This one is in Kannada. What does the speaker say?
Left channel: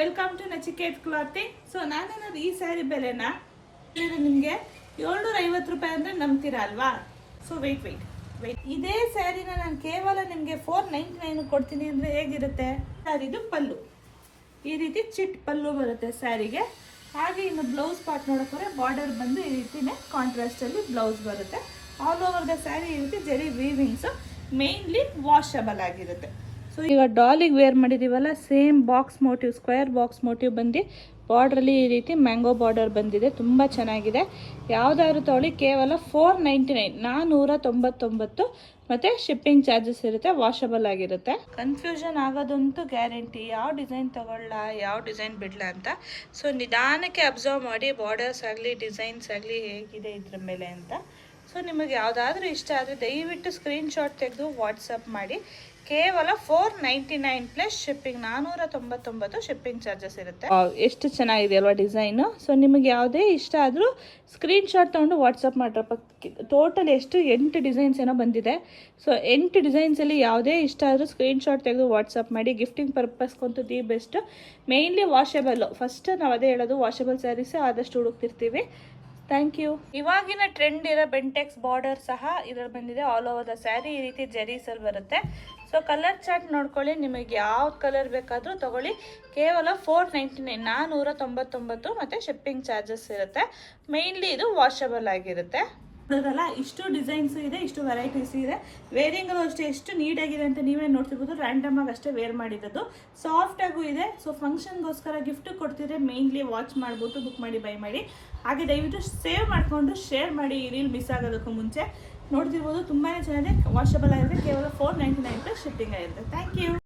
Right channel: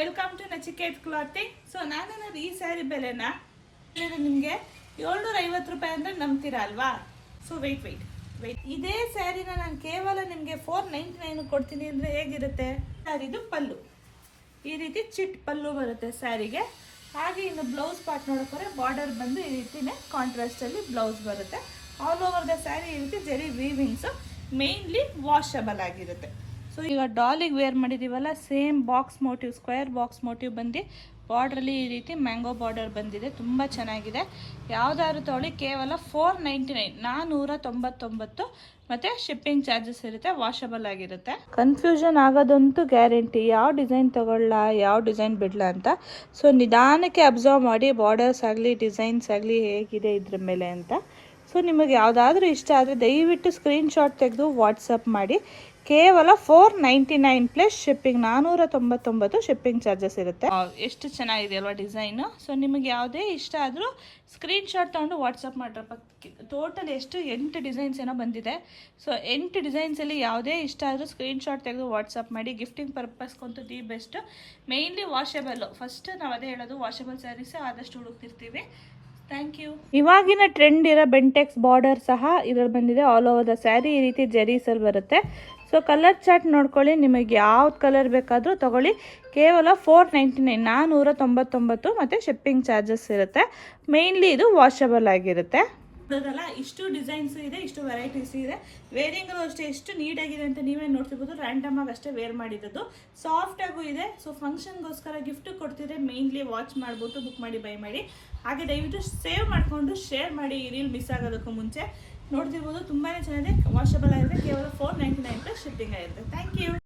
Welcome to Nachiket clothing. So ನಾನೇನಾದ್ರು ಈ ಸ್ಯಾರಿ ಬೆಲೆನ ನಿಮಗೆ 750 ರೂಪಾಯಿ ಅಂದರೆ ನಂಬ್ತೀರಾ ಅಲ್ವಾ? ಸೊ ವೆಯ್ಟ್ ಇದೇ ಸ್ಯಾರಿನ ನಾನು ಕೇವಲ ನಿಮಗೆ 499 ಕೊಡ್ತೀನಿ ಅಂದರೆ ಹೇಗಿರುತ್ತೆ? ಸ್ಯಾರಿದು ಪಲ್ಲು ಈ ರೀತಿ ಚಿಟ್ ಪಲ್ಲು ಬರುತ್ತೆ ಸ್ಯಾರಿಗೆ. ಹಾಗೆ ಇನ್ನು ಬ್ಲೌಸ್ ಪಾರ್ಟ್ ನೋಡೋಕೆ ಬಾರ್ಡರ್ ಬಂದು ಈ ರೀತಿನೇ ಕಾಂಟ್ರಾಸ್ಟಲ್ಲಿ ಬ್ಲೌಸ್ ಬರುತ್ತೆ. ಆಲ್ ಓವರ್ ದ ಸ್ಯಾರಿ ಈ ರೀತಿ ಜರಿ ವೀವಿಂಗ್ಸು, ಮೇನ್ಲಿ ವಾಷಬಲ್ ಆಗಿರುತ್ತೆ. ಸೊ ಈಗ ಡಾಲಿಗೆ ವೇರ್ ಮಾಡಿದ್ದೀವಲ್ಲ, same box motif, square box motif ಬಂದು ಬಾರ್ಡ್ರಲ್ಲಿ ಈ ರೀತಿ ಮ್ಯಾಂಗೋ ಬಾರ್ಡರ್ ಬಂದಿದೆ. ತುಂಬ ಚೆನ್ನಾಗಿದೆ. ಯಾವುದಾದ್ರು ತೊಗೊಳ್ಳಿ, ಕೇವಲ 499, 499 ಮತ್ತು ಶಿಪ್ಪಿಂಗ್ ಚಾರ್ಜಸ್ ಇರುತ್ತೆ. ವಾಷಬಲ್ ಆಗಿರುತ್ತೆ. ಕನ್ಫ್ಯೂಷನ್ ಆಗೋದಂತೂ ಗ್ಯಾರಂಟಿ, ಯಾವ ಡಿಸೈನ್ ತೊಗೊಳ್ಳ, ಯಾವ ಡಿಸೈನ್ ಬಿಡಲ ಅಂತ. ಸೊ ನಿಧಾನಕ್ಕೆ ಅಬ್ಸರ್ವ್ ಮಾಡಿ, ಬಾರ್ಡರ್ಸ್ ಆಗಲಿ ಡಿಸೈನ್ಸ್ ಆಗಲಿ ಹೇಗಿದೆ ಇದ್ರ ಮೇಲೆ ಅಂತ. ಸೊ ನಿಮಗೆ ಯಾವುದಾದ್ರೂ ಇಷ್ಟ ಆದರೆ ದಯವಿಟ್ಟು ಸ್ಕ್ರೀನ್ಶಾಟ್ ತೆಗೆದು ವಾಟ್ಸಪ್ ಮಾಡಿ. ಕೇವಲ 499 ಪ್ಲಸ್ ಶಿಪ್ಪಿಂಗ್, 499 ಶಿಪ್ಪಿಂಗ್ ಚಾರ್ಜಸ್ ಇರುತ್ತೆ. ಎಷ್ಟು ಚೆನ್ನಾಗಿದೆ ಅಲ್ವಾ ಡಿಸೈನು? ಸೊ ನಿಮಗೆ ಯಾವುದೇ ಇಷ್ಟ ಆದರೂ ಸ್ಕ್ರೀನ್ಶಾಟ್ ತೊಗೊಂಡು ವಾಟ್ಸಪ್ ಮಾಡ್ರಪ್ಪ. ಟೋಟಲ್ ಎಷ್ಟು 8 ಡಿಸೈನ್ಸ್ ಏನೋ ಬಂದಿದೆ. ಸೊ 8 ಡಿಸೈನ್ಸಲ್ಲಿ ಯಾವುದೇ ಇಷ್ಟ ಆದರೂ ಸ್ಕ್ರೀನ್ಶಾಟ್ ತೆಗೆದು ವಾಟ್ಸಪ್ ಮಾಡಿ. ಗಿಫ್ಟಿಂಗ್ ಪರ್ಪಸ್ಗಂತೂ the best. Mainly washable, first ನಾವು ಅದೇ ಹೇಳೋದು, ವಾಷಬಲ್ ಸ್ಯಾರೀಸೇ ಆದಷ್ಟು ಹುಡುಕ್ತಿರ್ತೀವಿ. Thank you. ಇವಾಗಿನ ಟ್ರೆಂಡ್ ಇರೋ ಬೆಂಟೆಕ್ಸ್ ಬಾರ್ಡರ್ ಸಹ ಇದರಲ್ಲಿ ಬಂದಿದೆ. ಆಲ್ ಓವರ್ ದ ಸ್ಯಾರಿ ಈ ರೀತಿ ಜರೀಸಲ್ಲಿ ಬರುತ್ತೆ. ಸೊ ಕಲರ್ ಚಾರ್ಟ್ ನೋಡ್ಕೊಳ್ಳಿ, ನಿಮಗೆ ಯಾವ್ದು ಕಲರ್ ಬೇಕಾದರೂ ತೊಗೊಳ್ಳಿ. ಕೇವಲ 499, 499 ಮತ್ತು ಶಿಪ್ಪಿಂಗ್ ಚಾರ್ಜಸ್ ಇರುತ್ತೆ. ಮೇಯ್ನ್ಲಿ ಇದು ವಾಷಬಲ್ ಆಗಿರುತ್ತೆ. ನೋಡೋದಲ್ಲ, ಇಷ್ಟು ಡಿಸೈನ್ಸು ಇದೆ, ಇಷ್ಟು ವೆರೈಟೀಸ್ ಇದೆ. ವೇರಿಂಗಲ್ಲೂ ಅಷ್ಟೇ ಎಷ್ಟು ನೀಟಾಗಿದೆ ಅಂತ ನೀವೇ ನೋಡ್ತಿರ್ಬೋದು. ರ್ಯಾಂಡಮ್ ಆಗಿ ಅಷ್ಟೇ ವೇರ್ ಮಾಡಿದ್ದು, ಸಾಫ್ಟಾಗೂ ಇದೆ. ಸೊ ಫಂಕ್ಷನ್ಗೋಸ್ಕರ ಗಿಫ್ಟ್ ಕೊಡ್ತಿದ್ರೆ ಮೇಯ್ನ್ಲಿ ವಾಚ್ ಮಾಡ್ಬಿಟ್ಟು ಬುಕ್ ಮಾಡಿ ಬೈ ಮಾಡಿ. ಹಾಗೆ ದಯವಿಟ್ಟು ಸೇವ್ ಮಾಡಿಕೊಂಡು ಶೇರ್ ಮಾಡಿ, ಈ ರೀಲ್ ಮಿಸ್ ಆಗೋದಕ್ಕೂ ಮುಂಚೆ. ನೋಡ್ತಿರ್ಬೋದು ತುಂಬಾ ಚೆನ್ನಾಗಿದೆ, ವಾಷಬಲ್ ಆಗಿದೆ. ಕೇವಲ 499 ಪ್ಲಸ್ ಶಿಪ್ಪಿಂಗ್ ಆಗಿರುತ್ತೆ. Thank you.